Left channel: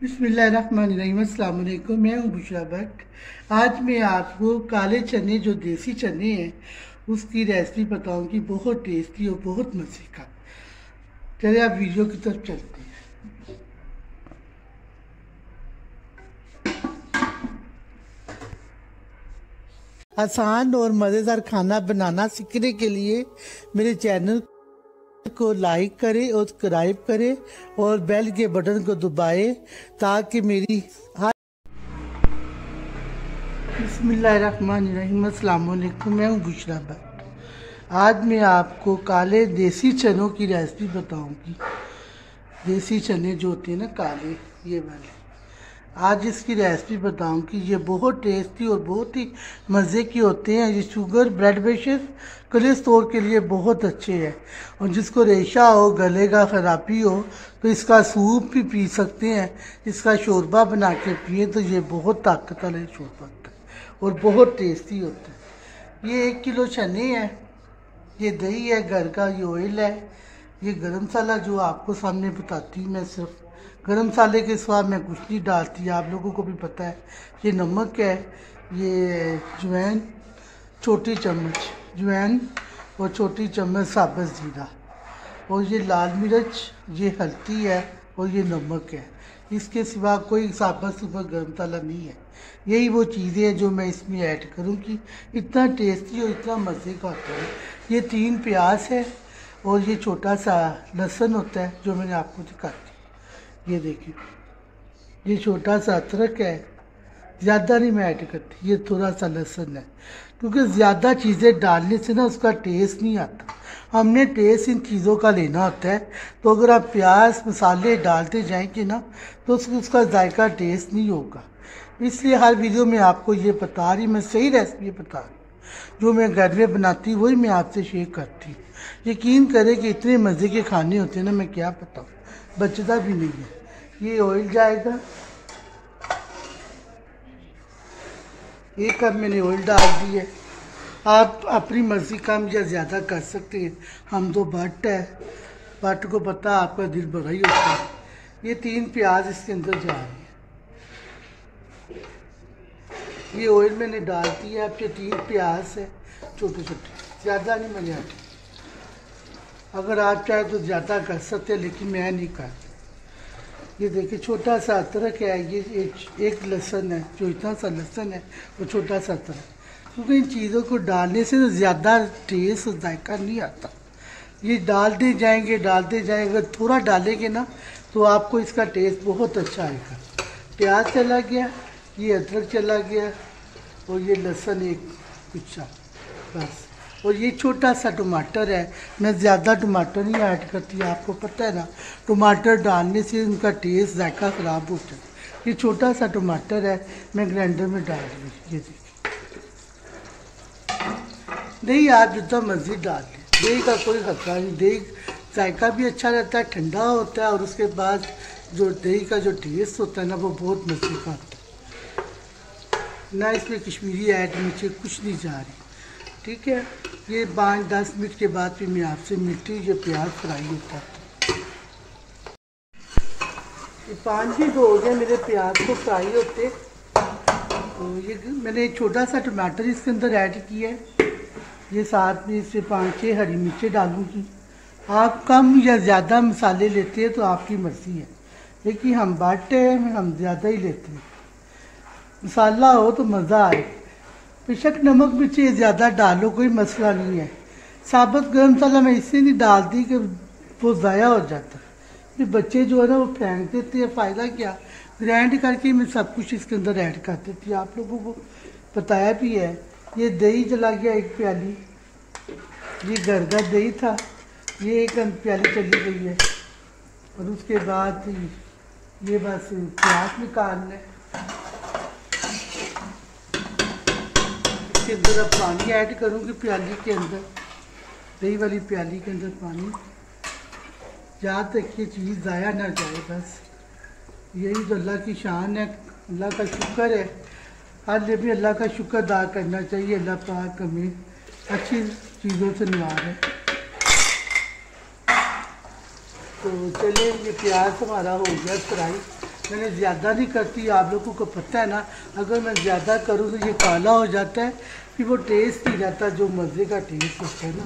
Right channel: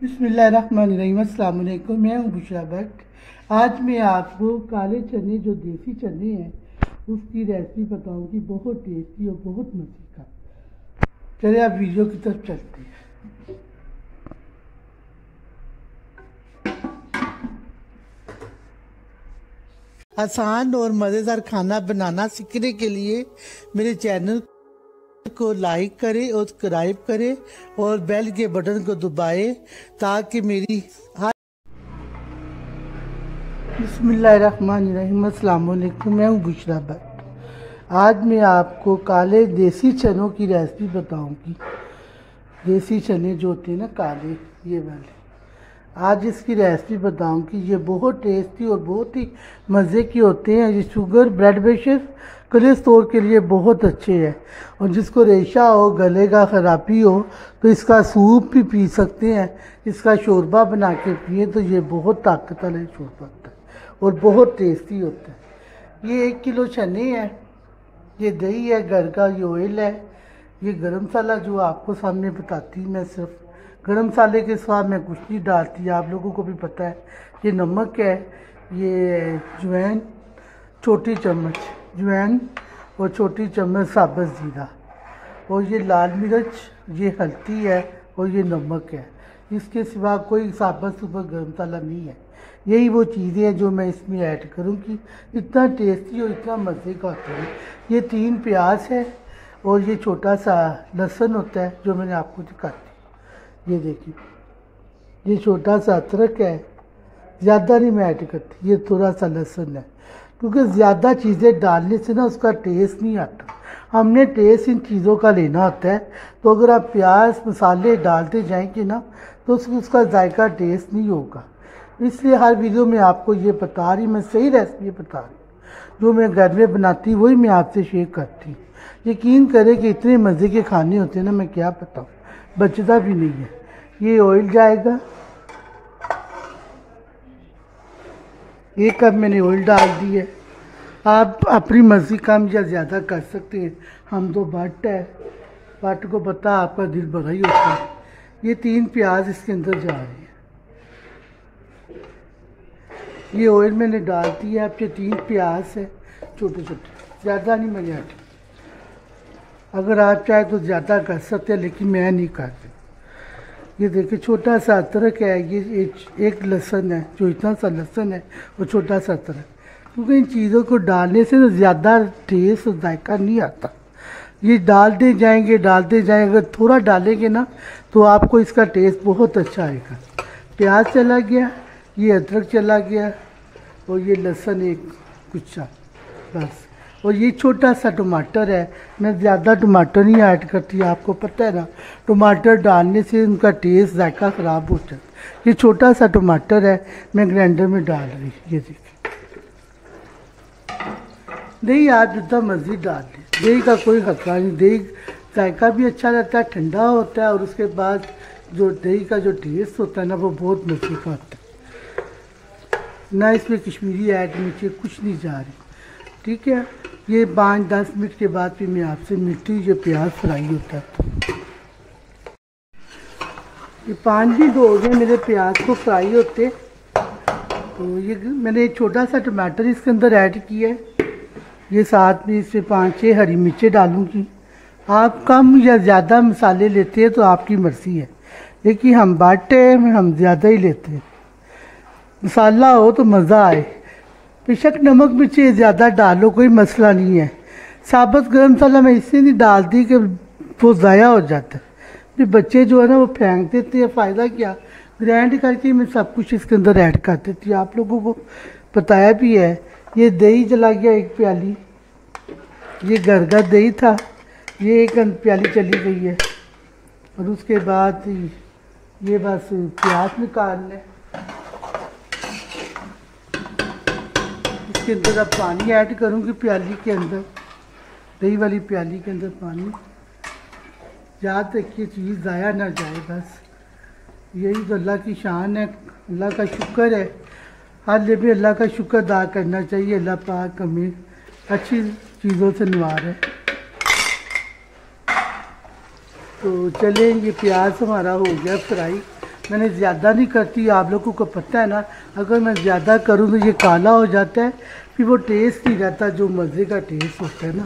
बिस्मिल्लाहिर्रहमानिर्रहीम। अस्सलाम वालेकुम। मैं हूँ बुशरा भट्ट। आज मैं आपको काले चने जो देसी चने हैं उसकी रेसिपी बताऊंगी, बहुत टेस्टी और बहुत मज़े का। चलिए आप वीडियो की तरफ चलते हैं। आसान और मज़ेदार खाना बनाना सीखने के लिए मेरे चैनल को लाइक करें और सब्सक्राइब करें और बेल के बटन को दबाएं ताकि मेरी बिस्मिल्लाहिर्रहमानिर्रहीम। अस्सलाम वालेकुम। मैं हूँ बुशरा भट्ट। आज मैं आपको काले देसी चनों की रेसिपी बताऊंगी। देसी चने जो होते हैं ना काले, ये वाले, आज इसकी रेसिपी बताऊंगी। ये बहुत टेस्टी और बहुत ही मज़े के होते हैं। ये शुगर, ब्लड प्रेशर, कोलेस्ट्रॉल के लिए बहुत अच्छे हैं। और जिसको रेशा हो, गले का ख़राबी हो, तो इसका सूप भी पी सकते हैं। इसका शोरबा बना के पिए तो ये बहुत ताकत वाला शोरबा होता है और बहुत टेस्टी होता है। ये 1 किलो चने हैं, ये दही है, घर का ये ऑयल है, ये गरम मसाला जो आपको सामने बताती हूँ मैं। सिर्फ गरम मसाले के साथ मैं कुछ नहीं डालती, आप लोगों को भी पता है। ये नमक है, ये जवैन, छोटी चम्मच जवैन और छोटी चम्मच साबुत ज़ीरा, और ये लाल मिर्च, ये हल्दी है और ये नमक है। इसके सिवा कोई साबुत गरम मसाला नहीं है। यही वो चीज़ें हैं जो मैं इसमें ऐड करूँगी। इतना टेस्टी और इतना मज़े का होता है। ये 3 प्याज है और ये छोटा सा लहसुन होता है जो मैंने आपको दिखाती। ये देखिए, ये छोटा सा अदरक है, ज़्यादा नहीं मैं ऐड करती। ये थोड़ा सा लहसुन है, क्योंकि ज़्यादा चीज़ें डालने से ना उसका टेस्ट नहीं आता। हमने टेस्ट इन चीज़ों का लेना होता है। तो अगर आप प्याज मसाले डालते जाएंगे ना तो उसका जायका टेस्ट नहीं होगा। इसलिए हर वीडियो में आपको ये बता रही, मैं सही रेसिपी बता रही, जो मैं घर में बनाती हूँ वही मैं आपसे शेयर करती हूँ। यकीन करें कि इतने मज़े के खाने होते हैं ना, मैं क्या बताऊँ, बचता भी नहीं है। ये ऑयल जाएगा, 1 कप मैंने ऑयल डाल दी है। आप अपनी मर्ज़ी कम या ज़्यादा कर सकते हैं। हम तो भट्ट है, भट्ट को पता आपका दिल बड़ा ही होता है। ये 3 प्याज इसके अंदर जा रहे हैं। ये ऑयल मैंने डाल दिया है। अब ये 3 प्याज है छोटे छोटे, ज़्यादा नहीं मैंने हटे। अगर आप चाहे तो ज़्यादा कर सकते हैं, लेकिन मैं नहीं करती। ये देखिए, छोटा सा अदरक है, ये एक लहसुन है, जो इतना सा लहसुन है और छोटा सा अदरक। क्योंकि इन चीज़ों को डालने से ज़्यादा टेस्ट और जायका नहीं आता। ये डालते जाएंगे अगर थोड़ा डालेंगे ना तो आपको इसका टेस्ट बहुत अच्छा आएगा। प्याज चला गया, ये अदरक चला गया और ये लहसुन एक कुच्चा, बस। और ये छोटा सा टमाटर है, मैं ज़्यादा टमाटर नहीं ऐड करती, आपको पता है ना, टमाटर डालने से उनका टेस्ट जायका ख़राब हो जाता है। ये छोटा सा टमाटर है, मैं ग्राइंडर में डाल रही। ये देखिए, दही आप जितना मर्जी डाल लें, दही का कोई खतरा नहीं। दही जायका भी अच्छा रहता है, ठंडा होता है, और उसके बाद जो दही का जो टेस्ट होता है ना, वो बहुत मज़े का होता है ना। इसमें कश्मीरी ऐड नीचे कुछ नहीं जा रही, ठीक है। ये 5-10 मिनट के बाद फिर मैं आपसे मिलती हूँ। ये प्याज फ्राई होता है। ये 5 मिनट हो गए मेरे प्याज को फ्राई होते। तो ये मैंने छोटा सा टमाटर इसके अंदर ऐड किया है। ये साथ में इससे 5-6 हरी मिर्चें डालूंगी। आप कम या ज़्यादा मसाले लेते हैं तो आपकी मर्ज़ी है, लेकिन हम बाटे हम ज़्यादा ही लेते हैं। मसाला हो तो मज़ा आए। बेशक नमक मिर्ची ज़्यादा डालो, कोई मसला नहीं है। साबुत गरम मसाला मैं इससे नहीं डालती कि वो ज़ाया हो जाता है। फिर बच्चे जो है ना वो फेंक देते हैं, फ़ायदा क्या। ग्राइंड करके मैं सब कुछ इसके अंदर ऐड कर देती हूँ, आप लोगों को बताया भी है। ये दही चला गया 1 प्याली, ये घर का दही था, ये 1 प्याली चली गई है। और उसके बाद ये बस प्याज निकालना है। इसके अंदर अब पानी ऐड करूँगी, प्याली के अंदर, दही वाली प्याली के अंदर पानी। याद रखिए चीज़ ज़ाया ना जाए, बस। यही तो अल्लाह की शान है, अल्लाह का शुक्र है। हर भी अल्लाह का शुक्र अदा करना चाहिए। अल्लाह पाक हमें अच्छी चीज़ों से नवार है। तो चले, ये प्याज हमारा हो गया फ्राई। मैंने ज़्यादा नहीं करती, आप लोगों को पता है ना, अगर मैं ज़्यादा करूँ तो ये काला हो जाता है, फिर वो टेस्ट नहीं रहता, जो मज़े का टेस्ट होता है ना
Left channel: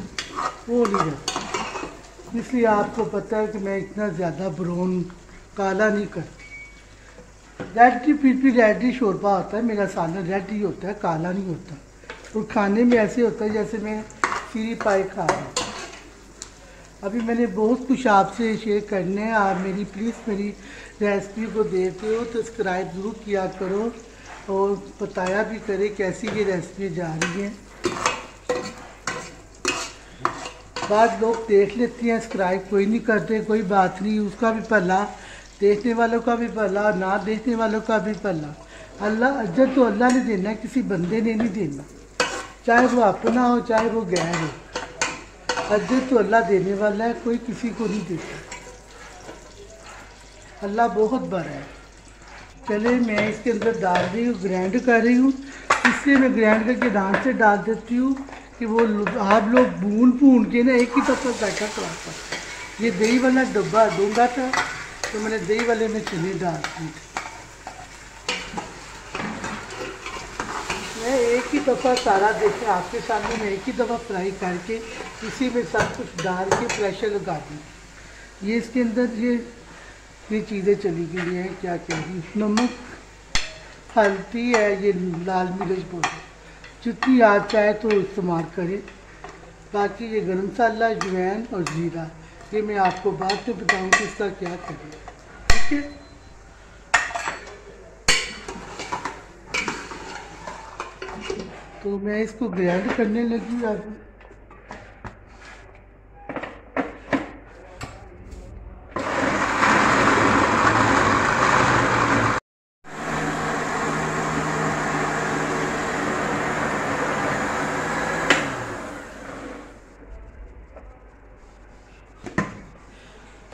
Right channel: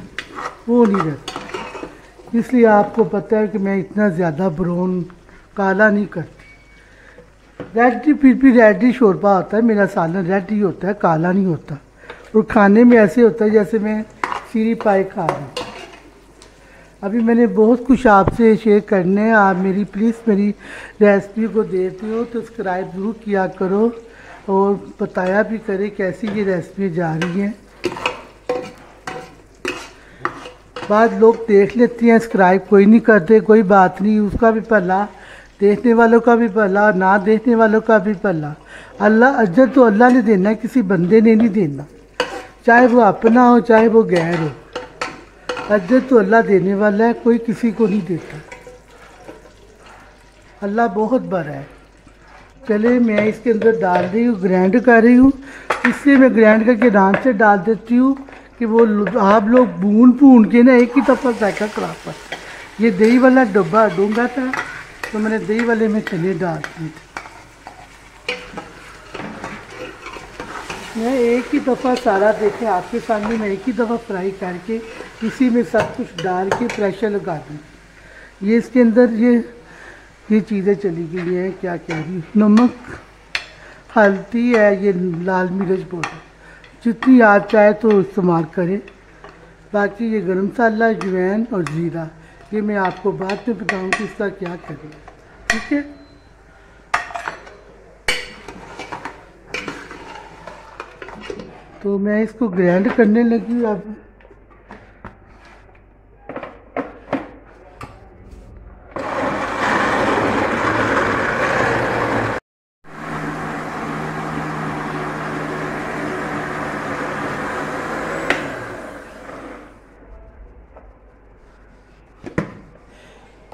वो नहीं रहता। इसलिए आपको पता है कि मैं इतना ज़्यादा ब्राउन काला नहीं करती। रेड फिर भी रेड ही शोरबा होता है, मेरा सालन रेड ही होता है, काला नहीं होता। और खाने में ऐसे होता है जैसे मैं सीरी पाई खा रहा हूँ। अभी मैंने बहुत कुछ आपसे शेयर करने हैं, आप मेरी प्लीज़ मेरी रेसिपी को देखते हो तो सब्सक्राइब ज़रूर किया करो और बताया भी करें कैसी ये रेसिपी जा रही है। बाद लोग देख लेते हैं, सब्सक्राइब कोई नहीं करते, कोई बात नहीं, उसका भी भला, देखने वालों का भी भला, ना देखने वालों का भी भला। अल्लाह अजर तो अल्लाह ने देना है, किसी बंदे ने नहीं देना, चाहे वो अपना हो चाहे वो गैर हो। अजर तो अल्लाह देने वाला है, कोई किसी को नहीं देता। अल्लाह बहुत बड़ा है। चले मैं इसके अंदर डाल रही हूँ, ग्राइंड कर रही हूँ। इसलिए मैं ग्राइंड करके डांस से डाल देती हूँ कि वो आप लोग भून के ना एक ही दफ़ा जायका कराता। ये दही वाला डब्बा दूंगा था तो मैंने दही वाले में चने डाल दी। मैं एक ही दफ़ा सारा देखे आपके सामने, मैं एक ही दफ़ा फ्राई करके इसी में सब कुछ डाल के प्रेशर लगा दूँ। ये इसके अंदर ये चीज़ें चली गई हैं, क्या कह रही, नमक, हल्दी है, ये लाल मिर्च पाउडर, जितनी आप चाहे तो इस्तेमाल करें। बाकी ये गरम मसाला, अजवाइन और ज़ीरा, ये मैं आपको बाद में बताऊँ कि इसका क्या करें, ठीक है। तो मैं इसको ग्राइंड करने लगी हूँ अब।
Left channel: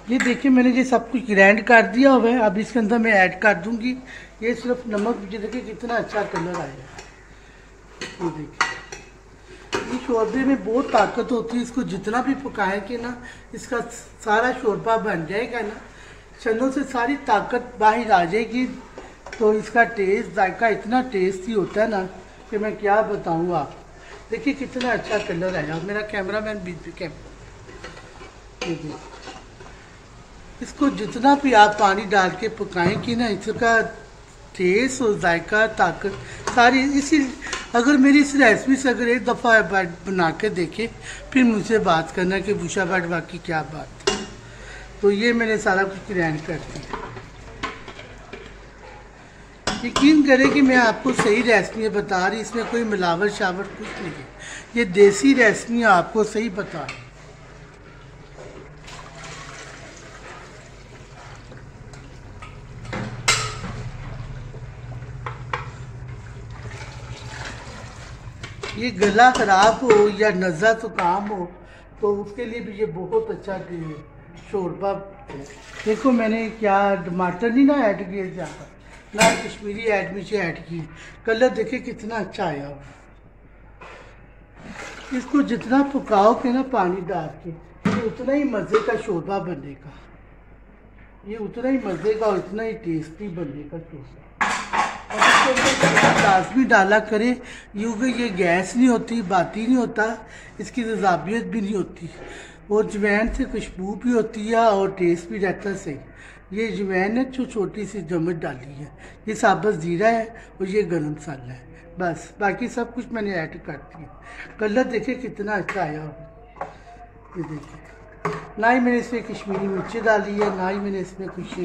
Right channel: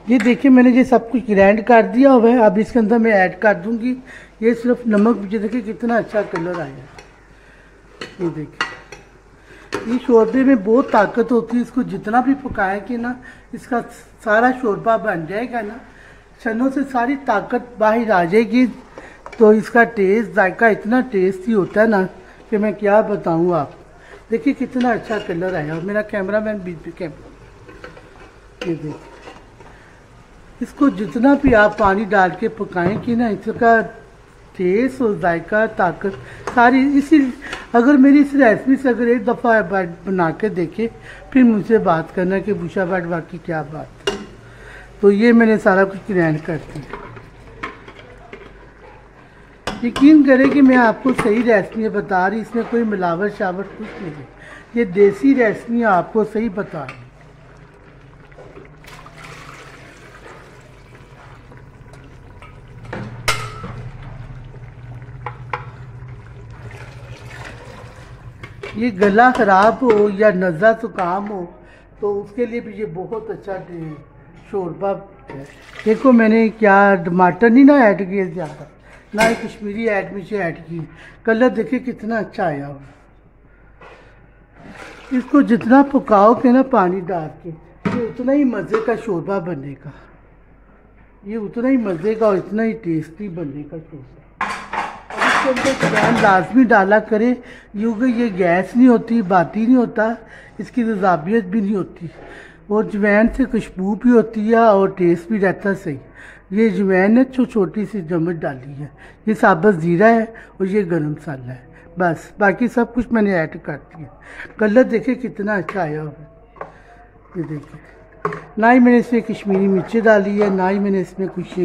ये देखिए मैंने ये सब कुछ ग्राइंड कर दिया हुआ है। अब इसके अंदर मैं ऐड कर दूंगी ये सिर्फ नमक। ये देखिए कितना अच्छा कलर आया। ये देखिए ये शोरबे में बहुत ताकत होती है, इसको जितना भी पकाएंगे ना इसका सारा शोरबा बन जाएगा ना, चनों से सारी ताकत बाहर आ जाएगी। तो इसका टेस्ट जायका इतना टेस्टी होता है ना कि मैं क्या बताऊँ आप। देखिए कितना अच्छा कलर आया। मेरा कैमरामैन बीच कैमरा, ये देखिए इसको जितना भी आप पानी डाल के पकाएंगे ना इसका टेस्ट और जायका ताकत सारी इसी। अगर मेरी इस रेसिपी से अगर एक दफ़ा बना के देखे फिर मुझसे बात करना कि बुशा बाट वाकई क्या बात है। तो ये मैंने सारा कुछ ग्राइंड कर दिया। यकीन करें कि मैं आपको सही रेसिपी बता रही, इसमें कोई मिलावट शावट कुछ नहीं है। ये देसी रेसिपी आपको सही बता रही। ये गला ख़राब हो या नज़ा ज़ुकाम हो तो उसके लिए भी ये बहुत अच्छा शोरबा है। देखो मैंने क्या टमाटर नहीं ना ऐड किए ज़्यादा, ना ही कश्मीरी मिर्च ऐड की। कलर देखिए कितना अच्छा आया हो। इसको जितना पकाओगे ना पानी डाल के ये उतना ही मज़े का शोरबा बनेगा। ये उतना ही मज़े का और इतना ही टेस्टी बनेगा शोरबा। लाजमी डाला करें क्योंकि ये गैस नहीं होती, बाती नहीं होता, इसकी तजाबियत भी नहीं होती और जवैन से खुशबू भी होती है और टेस्ट भी रहता है सही। ये जवैन है जो छोटी सी चम्मच डाली है, ये साबुत ज़ीरा है और ये गरम मसाला है, बस। बाकी सब कुछ मैंने ऐड कर दिया। कलर देखिए कितना अच्छा आया हो। ये देखिए ना ही मैंने इसमें कश्मीरी मिर्ची डाली है, ना ही मैंने इसमें कुछ।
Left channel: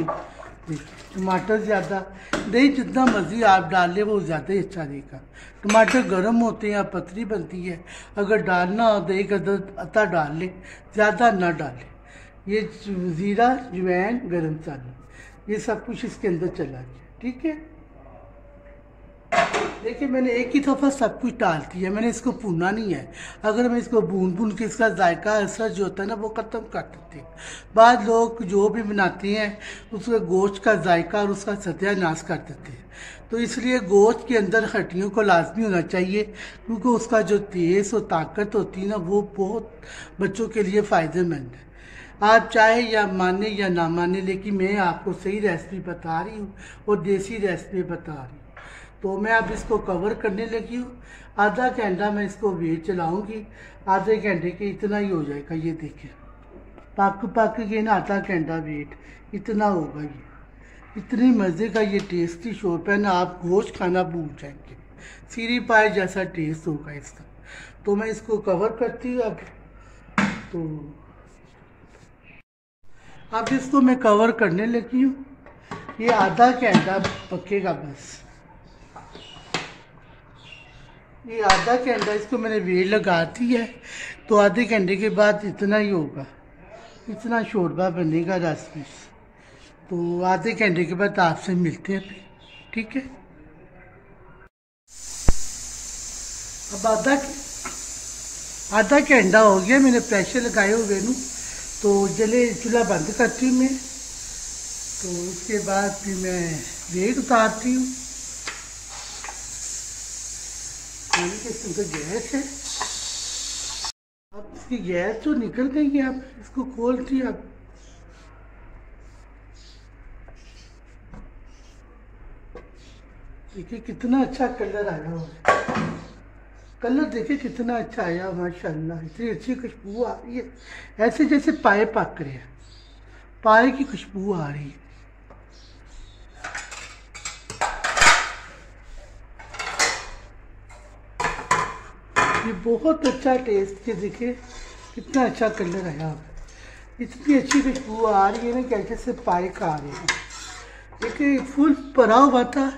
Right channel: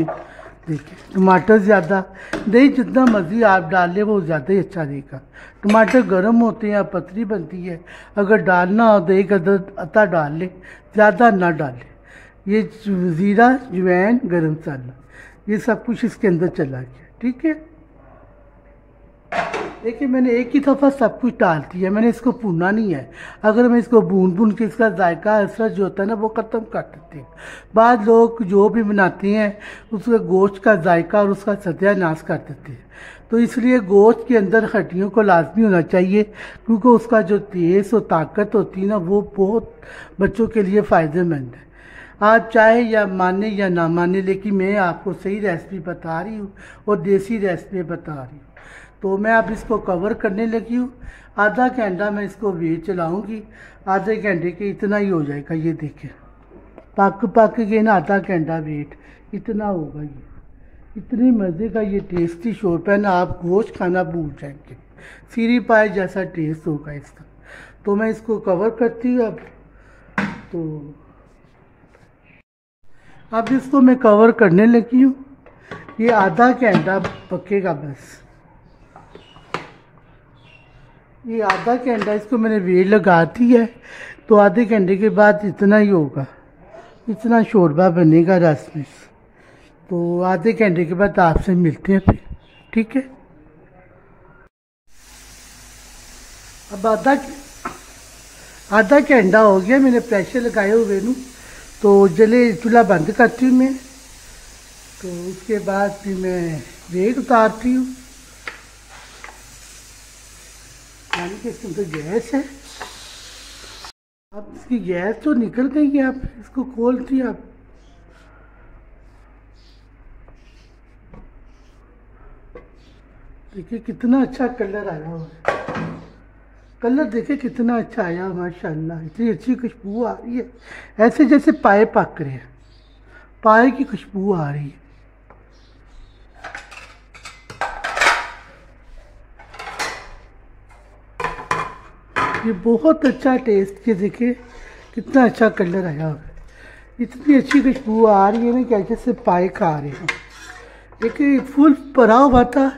देखिए टमाटर ज़्यादा, दही जितना मर्जी आप डाल लें वो ज़्यादा ही अच्छा रहेगा। टमाटर गर्म होते हैं, पतली बनती है। अगर डालना हो तो एक अता डाल ले, ज़्यादा ना डालें। ये ज़ीरा, जवैन, गरम मसाला ये सब कुछ इसके अंदर चला गया, ठीक है। देखिए मैंने एक ही दफ़ा सब कुछ डाल दिया, मैंने इसको भूना नहीं है। अगर मैं इसको भून के इसका जायका असर जो होता है ना वो ख़त्म कर देते हैं। बाद लोग जो भी बनाते हैं उसके गोश्त का जायका और उसका सत्यानाश कर देते हैं। तो इसलिए गोश्त के अंदर हड्डियों को लाजमी होना चाहिए क्योंकि उसका जो टेस्ट और ताकत होती है ना वो बहुत बच्चों के लिए फ़ायदेमंद है। आप चाहे या माने या ना माने, लेकिन मैं आपको सही रेसिपी बता रही हूँ और देसी रेसिपी बता रही हूँ। तो मैं अब इसको कवर करने लगी हूँ। आधा घंटा मैं इसको वेट चलाऊँगी, आधे घंटे के इतना ही हो जाएगा। ये देखिए पक के ना आधा घंटा वेट इतना होगा। ये इतनी मज़े का ये टेस्टी शोरपा है ना, आप गोश्त खाना भूल जाएंगे। सीरी पाए जैसा टेस्ट होगा इसका। तो मैं इसको कवर करती हूँ अब इसको मैं कवर करने लगी हूँ। ये आधा घंटा पकेगा बस। ये आधा घंटा इसको मैंने वेट लगा दी है, तो आधे घंटे के बाद इतना ही होगा, इतना शोरबा बनेगा रस में। तो आधे घंटे के बाद आपसे मिलते हैं फिर, ठीक है। अब आधा घंटा हो गया मैंने प्रेशर लगाए हुए नू, तो जले चूल्हा बंद करती हूँ मैं। तो इसके बाद फिर मैं वेट उतारती हूँ। तो गैस है, अब इसकी गैस तो निकल गई है। अब इसको खोलती अब देखिए कितना अच्छा कलर आया हुआ। कलर देखिए कितना अच्छा आया माशाल्लाह। इतनी अच्छी खुशबू आ रही है, ऐसे जैसे पाए पक रहे हैं, पाए की खुशबू आ रही है। ये बहुत अच्छा टेस्ट के देखिए कितना अच्छा कलर आया हुआ। इतनी अच्छी खुशबू आ रही है ना कि जैसे पाए खा रहे हैं। देखिए फुल भरा हुआ था,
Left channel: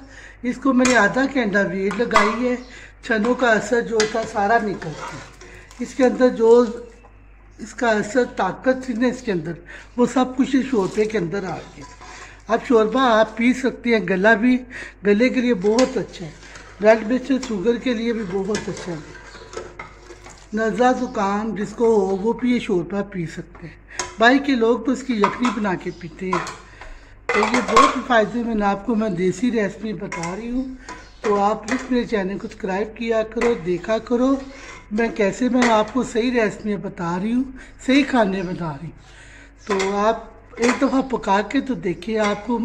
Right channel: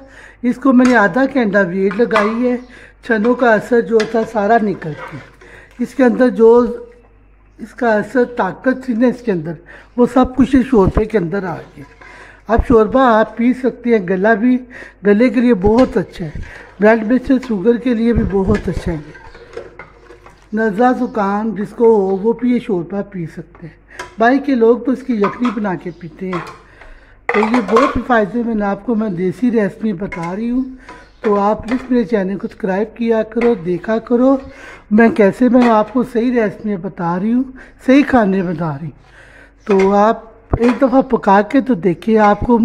इसको मैंने आधा घंटा वेट लगाई है। चनों का असर जो था सारा निकलती है इसके अंदर, जो इसका असर ताकत थी ना इसके अंदर, वो सब कुछ इस शोरबे के अंदर आ गया। अब शोरबा आप पी सकते हैं, गले के लिए बहुत अच्छा है, ब्लड प्रेशर शुगर के लिए भी बहुत अच्छा है। नज़ला ज़ुकाम जिसको हो वो भी ये शोरबा पी सकते हैं। बाहर के लोग तो इसकी यखनी बना के पीते हैं। तो ये बहुत फ़ायदेमंद आपको मैं देसी रेसिपी बता रही हूँ। तो आप प्लीज़ मेरे चैनल को सब्सक्राइब किया करो, देखा करो मैं आपको सही रेसिपी बता रही हूँ, सही खाने बता रही हूँ। तो आप एक दफ़ा पका के तो देखिए, आपको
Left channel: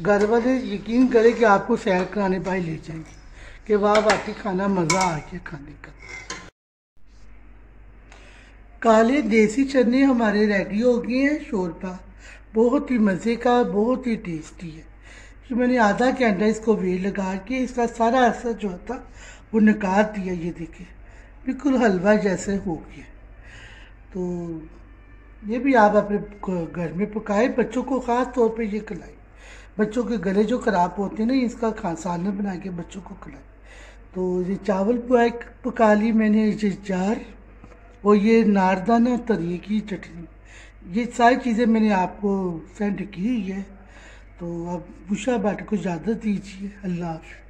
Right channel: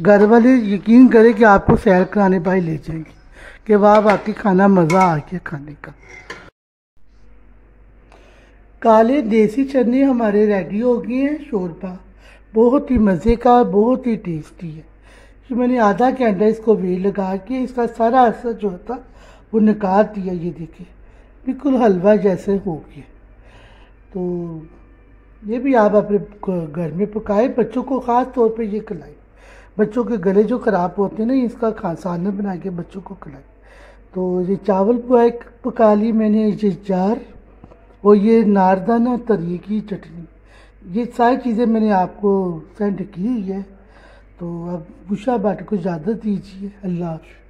घर वाले यकीन करें कि आपको सैर कराने भाई ले जाएंगे कि वाह वाकई खाना मज़ा आ गया खाने का। काले देसी चने हमारे रेडी हो गए हैं। शोरबा बहुत ही मज़े का, बहुत ही टेस्टी है। तो मैंने आधा घंटा इसको वेट लगा के इसका सारा असर जो था वो निकाल दिया। ये देखिए बिल्कुल हलवा जैसे हो गया। तो ये भी आप अपने घर में पकाए, बच्चों को ख़ास तौर पे ये खिलाए। बच्चों के गले जो ख़राब होते हैं ना, इसका सालन बना के बच्चों को खिलाए। तो ये चावल पका ली मैंने, ये जार और ये नारदाना तरी की चटनी, ये सारी चीज़ें मैंने आपको सेंड की हुई है। तो अब बुशा बाट को इजाज़त दीजिए। अल्लाह हाफ़िज़।